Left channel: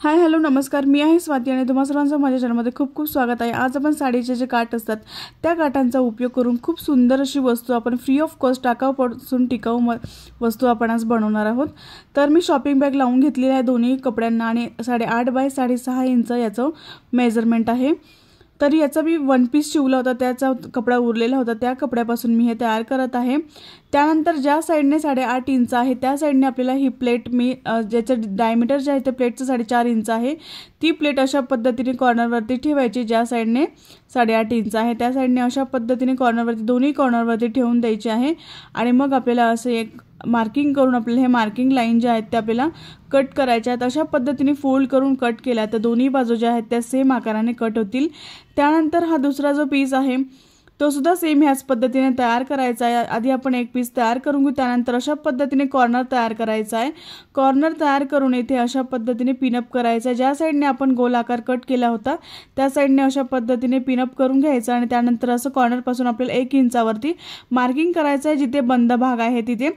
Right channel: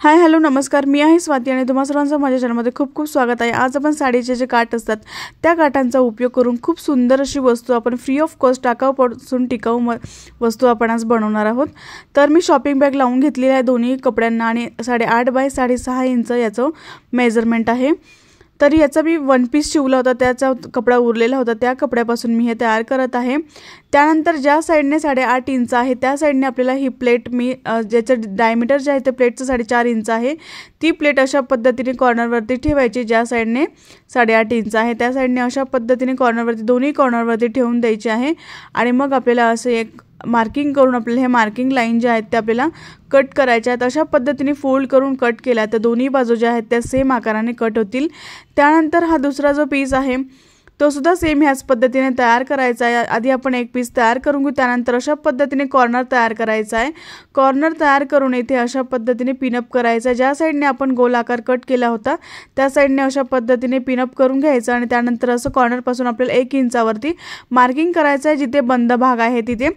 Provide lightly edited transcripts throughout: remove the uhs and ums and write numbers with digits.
Hi hello नमस्कार, मी आहे स्वाती आणि तुम्हा सर्वांचं माझ्या चॅनलमध्ये खूप खूप स्वागत आहे। आज आपण साडीचे जे काठ असतात त्या काठांचा उपयोग करून खूप सुंदर अशी वस्तू आपण फ्री ऑफ कॉस्ट टाकाऊपासून टिकाऊ वस्तू आपण आज बनवणार आहोत। तर मी शॉपिंग बॅग लावून घेतलेली आहे दोन्ही कपड्यांना आणि 8.5 बाय 6.5 इंच याचं मेजरमेंट आहे। तर याचा मी वन पीस शिवला होता, त्याचा कपडा उरलेला होता, त्या कपड्यापासून मी हे तयार करत आहे। त्यानंतर ज्या साइडने 8.5 इंच आहे त्या साइडने आपल्याला ही प्लेट मी ज्याचं डायमीटर जे आहे ते प्लेटचं 4.5 इंच आहे, ती प्लेट अशा पद्धतीने कॉर्नरवरती ठेवायची। ज्या साइडने 8.5 इंच आहे त्या साइडने अशा पद्धतीने कॉर्नरवरती दोन्ही कॉर्नरवरती ठेवून द्यायची आहे। आणि मग आपल्याला असे एक मार्किंग करून आपल्याला हे मार्किंग लाईन जे आहेत ते आपल्याला कट करायच्या आहेत। अशा पद्धतीने फोल्ड करून कट केला तर दोन्ही बाजू ज्या आहेत त्या सेम आकाराने कट होतील। त्यानंतर हा दुसरा जो पीस आहे तो सुद्धा सेम ह्याच पद्धतीने तयार करायचा आहे। आधी आपण एक पीस तयार करून घेऊ, त्यानंतर अशा पद्धतीने कॉर्नर तयार करायचा आहे। कॉर्नर तयार करून इथे अशा पद्धतीने पिनअप करायचा। ज्या साइडने आपण गोल आकार कट केला होता त्या साइडने अशा पद्धतीने पिनअप करून घ्यायचं आणि त्यानंतर असं कॉर्नर पासून आपल्याला 1 इंचावरती मार्किंग करायचं आहे जिथे बंद भाग आहे तिथे।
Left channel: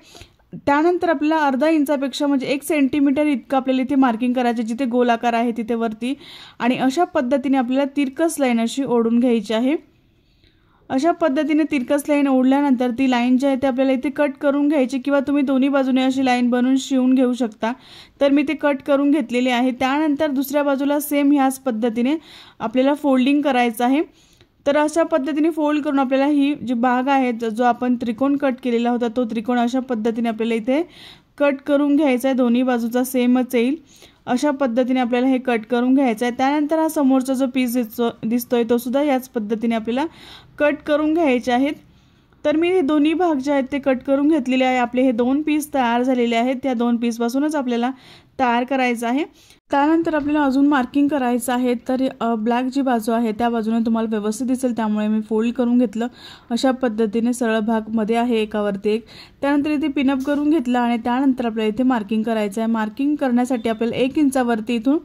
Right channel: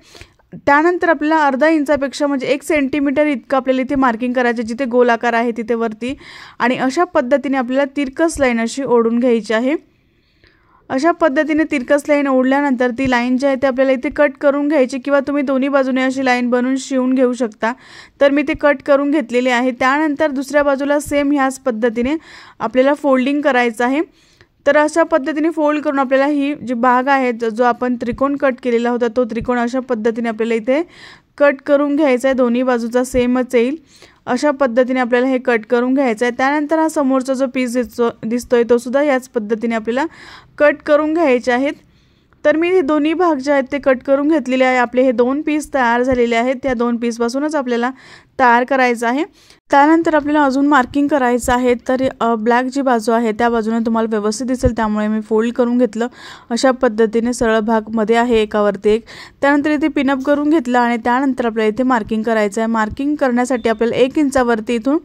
त्यानंतर आपल्याला अर्धा इंचापेक्षा म्हणजे 1 सेंटीमीटर इतकं आपल्याला इथे मार्किंग करायचं जिथे गोल आकार आहे तिथे वरती। आणि अशा पद्धतीने आपल्याला तिरकस लाईन अशी ओढून घ्यायची आहे। अशा पद्धतीने तिरकस लाईन ओढल्यानंतर ती लाईन जी आहे ते आपल्याला इथे कट करून घ्यायची किंवा तुम्ही दोन्ही बाजूने अशी लाईन बनवून शिवून घेऊ शकता। तर मी ते कट करून घेतलेले आहे। त्यानंतर दुसऱ्या बाजूला सेम ह्याच पद्धतीने आपल्याला फोल्डिंग करायचं आहे। तर अशा पद्धतीने फोल्ड करून आपल्याला ही जी भाग आहे जो आपण त्रिकोण कट केलेला होता तो त्रिकोण अशा पद्धतीने आपल्याला इथे कट करून घ्यायचा आहे। दोन्ही बाजूचा सेमच येईल अशा पद्धतीने आपल्याला हे कट करून घ्यायचं आहे। त्यानंतर हा समोरचा जो पीस दिसतोय तो सुद्धा याच पद्धतीने आपल्याला कट करून घ्यायचे आहेत। तर मी हे दोन्ही भाग जे आहेत ते कट करून घेतलेले आहे। आपले हे 2 पीस तयार झालेले आहेत, त्या 2 पीस पासूनच आपल्याला तयार करायचं आहे। त्यानंतर आपल्याला अजून मार्किंग करायचं आहे। तर ब्लॅक जी बाजू आहे त्या बाजूने तुम्हाला व्यवस्थित दिसेल त्यामुळे मी फोल्ड करून घेतलं। अशा पद्धतीने सरळ भाग मध्ये आहे एकावरती एक। त्यानंतर इथे पिनअप करून घेतलं आणि त्यानंतर आपल्याला इथे मार्किंग करायचं आहे। मार्किंग करण्यासाठी आपल्याला 1 इंचावरती इथून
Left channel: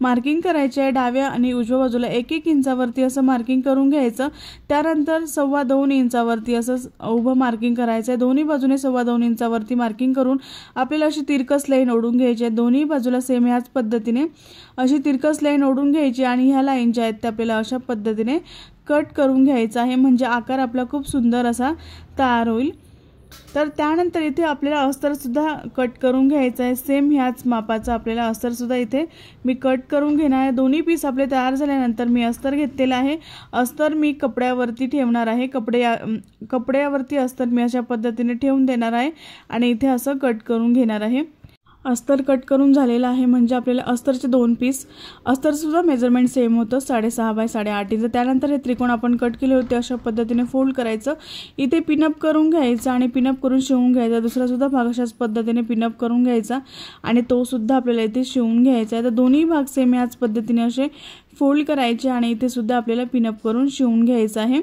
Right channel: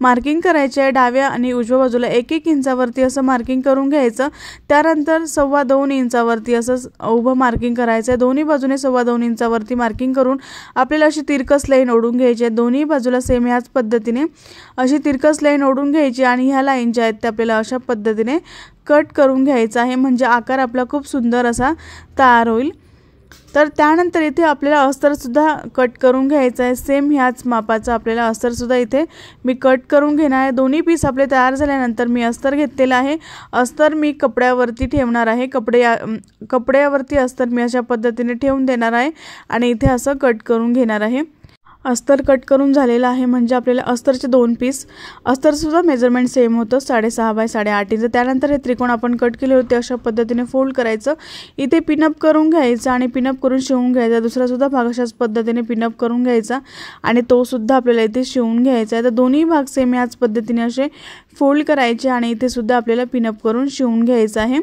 मार्किंग करायचे आहे। डाव्या आणि उजव्या बाजूला 1-1 इंचावरती असं मार्किंग करून घ्यायचं। त्यानंतर 2.25 इंचावरती असं उभं मार्किंग करायचं आहे। दोन्ही बाजूने 2.25 इंचावरती मार्किंग करून आपल्याला अशी तिरकस लाईन ओढून घ्यायची आहे। दोन्ही बाजूला सेम ह्याच पद्धतीने अशी तिरकस लाईन ओढून घ्यायची आणि ह्या लाईन ज्या आहेत त्या आपल्याला अशा पद्धतीने कट करून घ्यायचा आहे, म्हणजे आकार आपला खूप सुंदर असा तयार होईल। तर त्यानंतर इथे आपल्याला अस्तर सुद्धा कट करून घ्यायचा आहे। सेम ह्याच मापाचा आपल्याला अस्तर सुद्धा इथे मी कट करून घेणार आहे। दोन्ही पीस आपले तयार झाल्यानंतर मी अस्तर घेतलेला आहे। अस्तर मी कपड्यावरती ठेवणार आहे। कपड्यावरती अस्तर मी अशा पद्धतीने ठेवून देणार आहे आणि इथे असं कट करून घेणार आहे। अस्तर कट करून झालेला आहे म्हणजे आपल्याला अस्तरचे 2 पीस, अस्तर सुद्धा मेजरमेंट सेम होतं 6.5 बाय 8.5 इंच। त्यानंतर हे त्रिकोण आपण कट केले होते अशा पद्धतीने फोल्ड करायचं, इथे पिनअप करून घ्यायचं आणि पिनअप करून शिवून घ्यायचा। दुसरा सुद्धा भाग अशाच पद्धतीने पिनअप करून घ्यायचा आणि तो सुद्धा आपल्याला इथे शिवून घ्यायचा आहे। तर दोन्ही भाग सेम याच पद्धतीने असे फोल्ड करायचे आणि इथे सुद्धा आपल्याला पिनअप करून शिवून घ्यायचं आहे।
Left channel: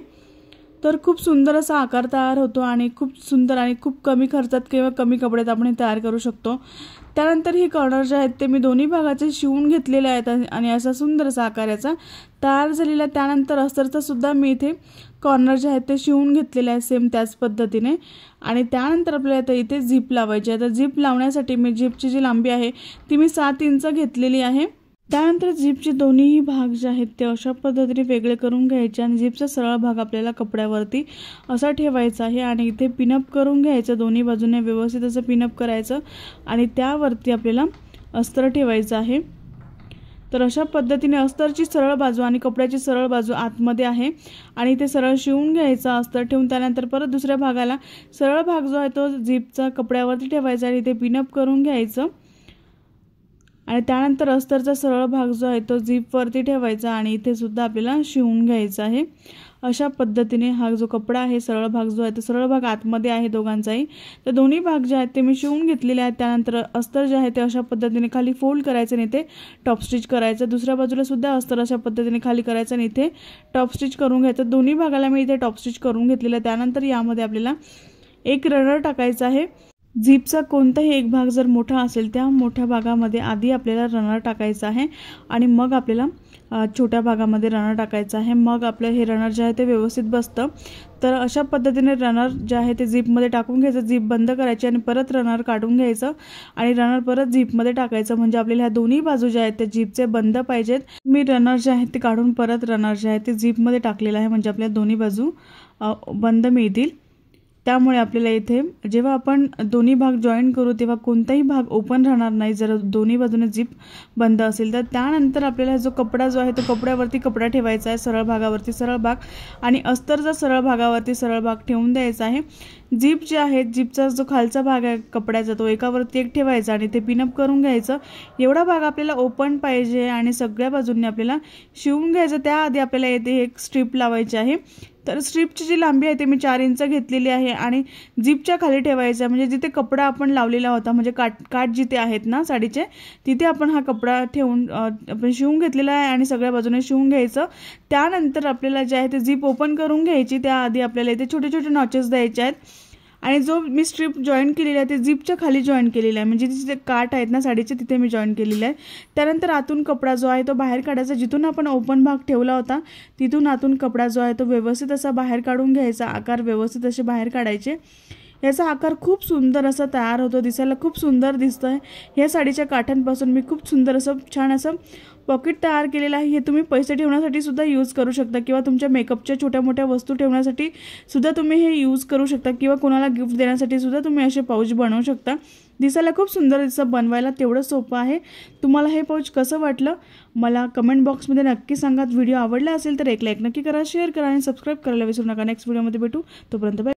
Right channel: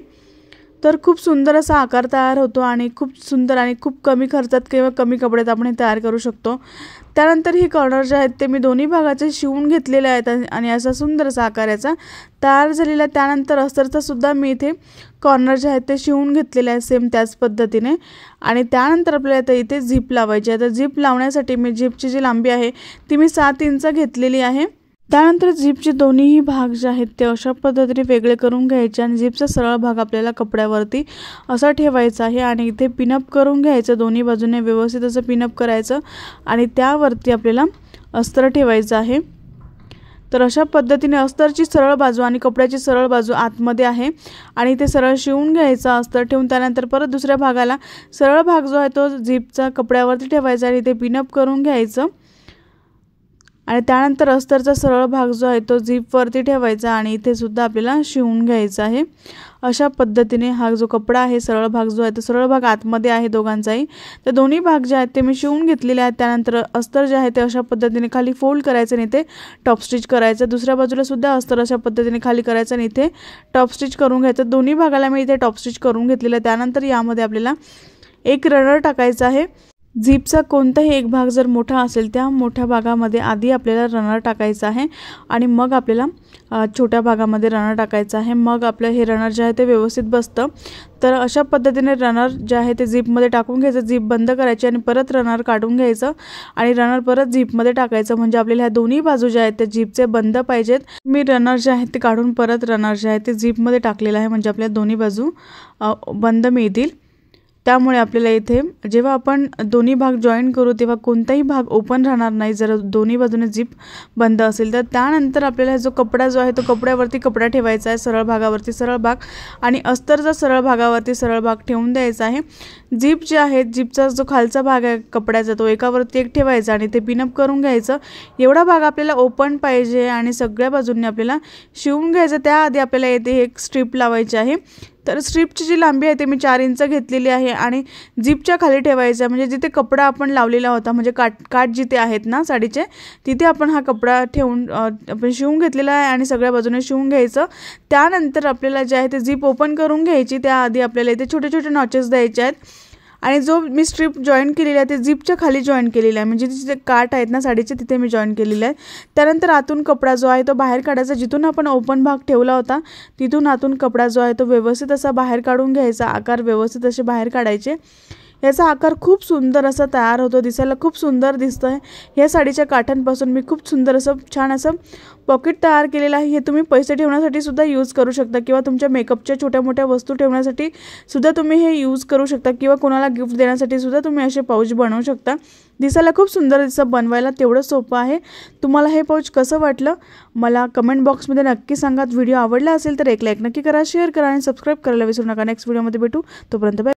तर खूप सुंदर असा आकार तयार होतो आणि खूप सुंदर आणि खूप कमी खर्चात किंवा कमी कपड्यात आपण हे तयार करू शकतो। त्यानंतर हे कॉर्नर जे आहेत ते मी दोन्ही भागाचे शिवून घेतलेले आहेत आणि असा सुंदर असा आकार याचा तयार झालेला आहे। त्यानंतर अस्तरचा सुद्धा मी इथे कॉर्नर जे आहेत ते शिवून घेतलेले आहे सेम त्याच पद्धतीने। आणि त्यानंतर आपल्याला इथे झिप लावायची आहे। तर झिप लावण्यासाठी मी झिपची जी लांबी आहे ती मी 7 इंच घेतलेली आहे। त्यानंतर झिपचे दोन्हीही भाग जे आहेत ते अशा पद्धतीने वेगळे करून घ्यायचे आणि झिपचा सरळ भाग आपल्याला कपड्यावरती असा ठेवायचा आहे आणि इथे पिनअप करून घ्यायचं। दोन्ही बाजूने व्यवस्थित असं पिनअप करायचं आणि त्यावरती आपल्याला अस्तर ठेवायचं आहे। तर अशा पद्धतीने अस्तरची सरळ बाजू आणि कपड्याची सरळ बाजू आतमध्ये आहे आणि ते सरळ शिवून घ्यायचा अस्तर ठेवून। त्यानंतर परत दुसऱ्या भागाला सरळ भाग जो आहे तो झिपचा कपड्यावरती ठेवायचा आणि इथे पिनअप करून घ्यायचं आणि त्यानंतर अस्तरचा सरळ भाग जो आहे तो झिपवरती ठेवायचा आणि इथे सुद्धा आपल्याला शिवून घ्यायचा आहे। अशा पद्धतीने हा जो कपडा आहे सरळ भाग जो आहे तो सरळ भाग आतमध्ये आहे दोघांचाही। तर दोन्ही भाग जे आहेत ते मी शिवून घेतलेले आहेत। त्यानंतर अस्तर जे आहे ते अशा पद्धतीने खाली फोल्ड करायचं आणि इथे टॉप स्टिच करायचं। दुसऱ्या बाजूला सुद्धा अस्तर अशा पद्धतीने खाली करायचं आणि इथे टॉप स्टिच करून घ्यायचं। दोन्ही भागाला मी इथे टॉप स्टिच करून घेतलेलं आहे। त्यानंतर यामध्ये आपल्याला एक रनर टाकायचा आहे। झिपचा कोणताही एक भाग जर मोठा असेल त्या मोठ्या भागामध्ये आधी आपल्याला रनर टाकायचं आहे आणि मग आपल्याला छोट्या भागामध्ये रनर टाकायचं आहे. मग आपलं हे रनर जे आहे ते व्यवस्थित बसतं. तर अशा पद्धतीने रनर जे आहे ते झिपमध्ये टाकून घ्यायचं, झिप बंद करायची आणि परत रनर काढून घ्यायचं आणि रनर परत झिपमध्ये टाकायचं. म्हणजे आपल्याला ह्या दोन्ही बाजू ज्या आहेत त्या झिपचे बंद पाहिजेत. मी रनर जे आहे ते काढून परत रनर जे आहे ते झिपमध्ये टाकलेलं आहे, म्हणजे आपल्या दोन्ही बाजू बंद मिळतील. त्यामुळे आपल्याला इथे जेव्हा आपण दोन्ही भाग जॉईन करू तेव्हा कोणताही भाग ओपन राहणार नाही जर दोन्ही बाजूने झिप बंद असेल तर. त्यानंतर आपल्याला जो कपडा जो आहे तो कपड्यावरती कपडा ठेवायचा आहे, सरळ भागावरती सरळ भाग, आणि अस्तरचा सरळ भागावरती सरळ भाग ठेवून द्यायचा आहे. झिप जे आहे, झिपचा जो खालचा भाग आहे कपड्याचा तो एकावरती एक ठेवायचा आणि ते पिनअप करून घ्यायचं. एवढा भाग आपल्याला ओपन पाहिजे आणि सगळ्या बाजूंनी आपल्याला शिवून घ्यायचं. त्याआधी आपल्याला येथे एक स्ट्रीप लावायची आहे. तर स्ट्रीपची जी लांबी आहे ते मी 4 इंच घेतलेली आहे आणि झिपच्या खाली ठेवायचं आहे. म्हणजे जिथे कपडा आपण लावलेला होता, म्हणजे काठ जिथे आहेत ना साडीचे, तिथे आपण हा कपडा ठेवून आपण शिवून घेतलेला आहे आणि सगळ्या बाजूने शिवून घ्यायचं. त्यानंतर आपल्याला जे आहे ते झिप ओपन करून घ्यायची. त्याआधी आपल्याला इथे छोटे छोटे नॉचेस द्यायचे आहेत आणि जो मी स्ट्रीप जॉईन केलेला आहे ते झिपच्या खाली जॉईन केलेला आहे, म्हणजे जिथे काठ आहेत ना साडीचे तिथे मी जॉईन केलेलं आहे. त्यानंतर आतून कपडा जो आहे तो बाहेर काढायचा. जिथून आपण ओपन भाग ठेवला होता तिथून आतून कपडा जो आहे तो व्यवस्थित असा बाहेर काढून घ्यायचा. आकार व्यवस्थित असे बाहेर काढायचे. याचा आकार खूप सुंदर असा तयार होतो, दिसायला खूप सुंदर दिसतंय. या साडीच्या काठांपासून मी खूप सुंदर असं छान असं पॉकेट तयार केलेलं आहे. हे तुम्ही पैसे ठेवण्यासाठी सुद्धा यूज करू शकता किंवा तुमच्या मेकअपच्या छोट्या मोठ्या वस्तू ठेवण्यासाठी सुद्धा तुम्ही हे यूज करू शकता किंवा कोणाला गिफ्ट देण्यासाठी सुद्धा तुम्ही असे पाऊच बनवू शकता. दिसायला खूप सुंदर दिसतं, बनवायला तेवढं सोपं आहे. तुम्हाला हे पाऊच कसं वाटलं मला कमेंट बॉक्समध्ये नक्की सांगा. व्हिडिओ आवडला असेल तर एक लाईक नक्की करा, शेअर करा आणि सबस्क्राईब करायला विसरू नका. नेक्स्ट व्हिडिओमध्ये भेटू, तोपर्यंत बाय.